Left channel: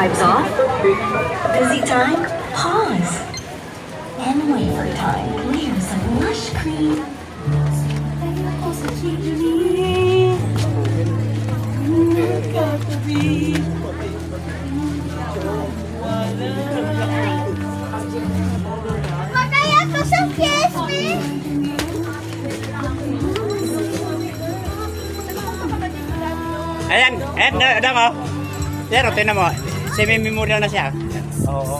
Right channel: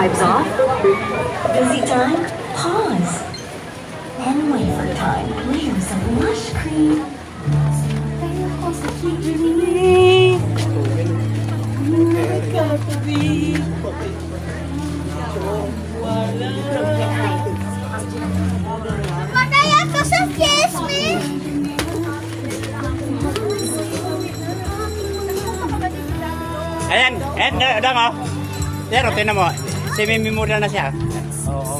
drives off. Busy time? Pause. And wait for time. Layers of lush cream. Ayan, dang oh. Pero tinan mo, semi-memorial na siya. Oo.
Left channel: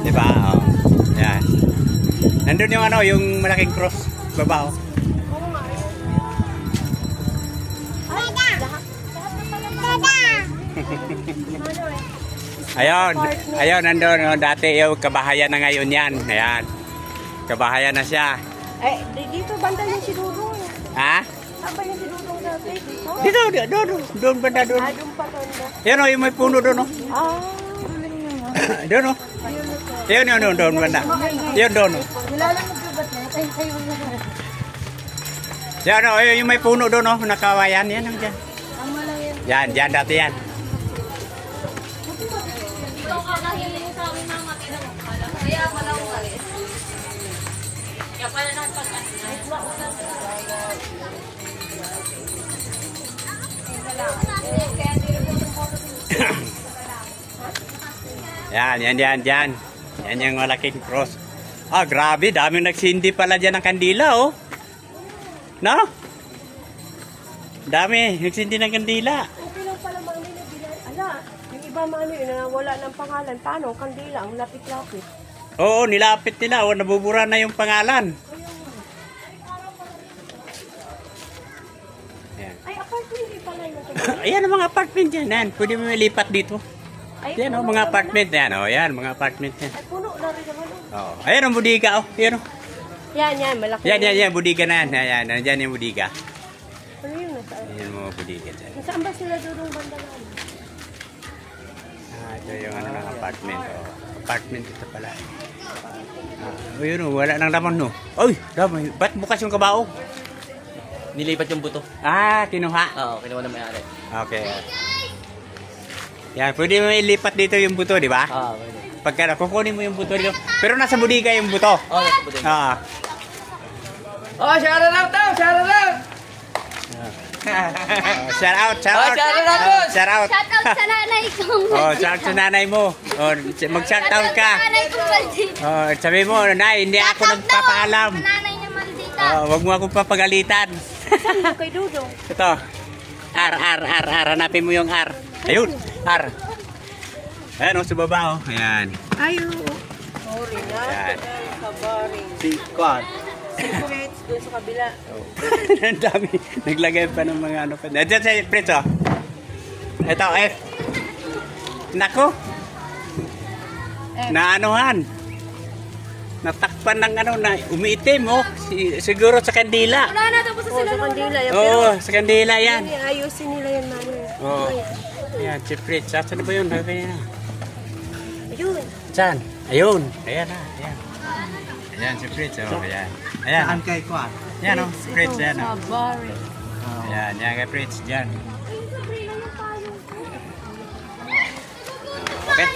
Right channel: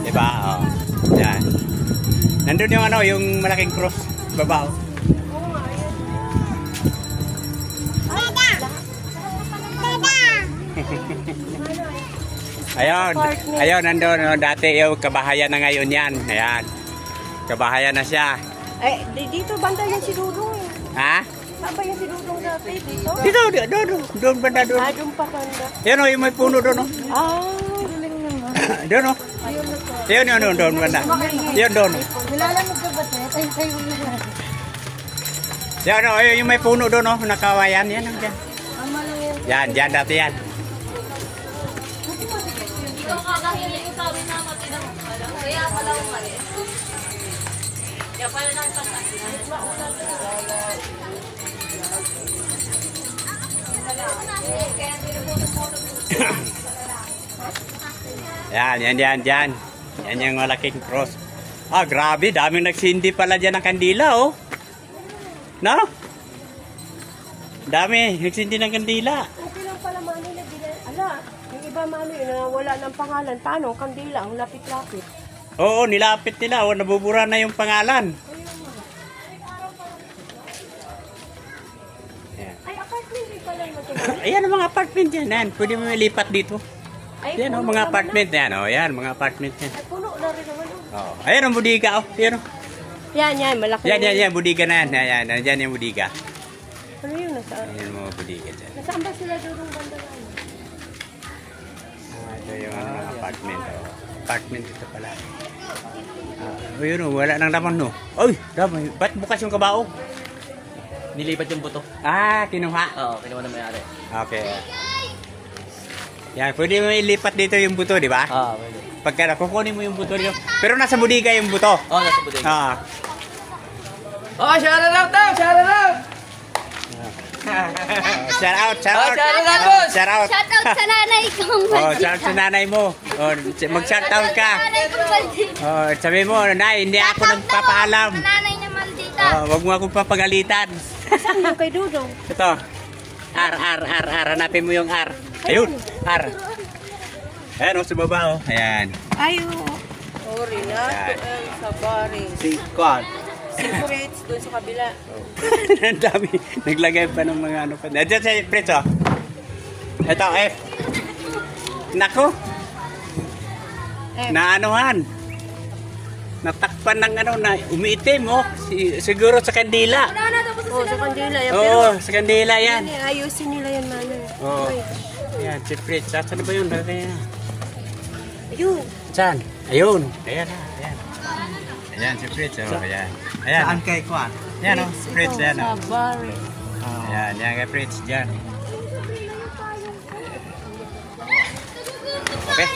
Diba? Oh. Yan. Nandun yung ano, yung malaking cross baba oh. Ayun, nandun oh, dati yung kabahayan na ngayon yan. Ayan. Kabahayan na siya. Ay, dito banda yung si Dudong. Ha? Saba yung si Dudong dati dito? Doon banda doon. Ay, doon pa banda. Yan o, yung may puno doon o. Ah, galing naman. Doon o. Yun, doon banda. Yun doon o. Nilalamog ka ba tayo? Tayo mo na. Yan o, yung may puno doon o. Nakawayan, yan ang dyan. Yan, dati yan. Ito kakahiling mo sa amin na matinang ukala. Kaya pala umalis. Kaya pala nang Yan yung malaking cross. Ah, grabe, daming nagsindi pala dyan ng kandila, oh. No? Dami, nagsindi ng kandila. Okay lang pala maano na ala. Yung iba maano yun na wala ng pangalan. Tanong, kandila, ang lapit-lapit. Oo, nilapit nila, oh, nabubura na yung pangalan. Ay, apartment din pala yung Ayan ang mga apartment dyan. Yan. Pwede mo lipat dito. Yan o, mga apartment. Yan o, yan, mga apartment yan. Ay, puno na rin naman. Oh. Ayan ang budiga o. Yan o. Yan, malaki. Yan, budiga na yan. Yan, nandyan yung budiga. Ano yun? Nasaan? Yan yung mga budiga dyan. Saan ba sila Dudong banda na? Ito yung ano ng apartment o. Apartment ito pala. Yun o, wala nang laman no. Ay, dami. Ba't bukas yung kabaong? Nilipat yung buto. Ah, kinuha. Oo, kinuha na may-ari. Okay. Yan, pwede mo ilipat dito yung buto, di ba? Oo, pwede. Pagka kukunin mo yung buto dito. Pero nasa budiga yung buto. Oo, nasa buto. Ah. Oh, shout out to! Shout out! Shout out. Shout out! Shout out. Shout out sa nanay ko. Oh, shout out sa nanay mo. Oh, mag-shout out ka. Nanay ko maldita. Oh, sabi mo, nay, hindi ako nagpapaalam. Nanay niya maldita. Oh, wag mo akong papagalitan. Saan yung kay Dudong? Ito. R. Hanapin mo yung R. Ayun, R. Ayan, oh, sa baba, oh. Ayan. Ayo. Sorry na. Ayan. Sorry. Si Kwan. Secrets doon sa kabila. Ang dami. Naglagay pa ng mga ano pa. Diyan sa Fritz, oh. Ito, F. Nako. Naanuhan. Natakpan ng ano na umiitim, oh. Siguro sa kandila. Oh, sa kandila yan. Oo, sa kandila yan. Ayusin nila yan, mano. Oo. Ayan, si Fritz. Saan na ba yun? Ayun. Saan? Ayun. Ayan na. Ayan. Ayan, si Fritz. Oh, ayan. Ayan. Saan kay Kwan? Ayan, oh. Fritz. Ayan, oh. Sabari. Ayan, yan kay Fritz. Diyan. Okay.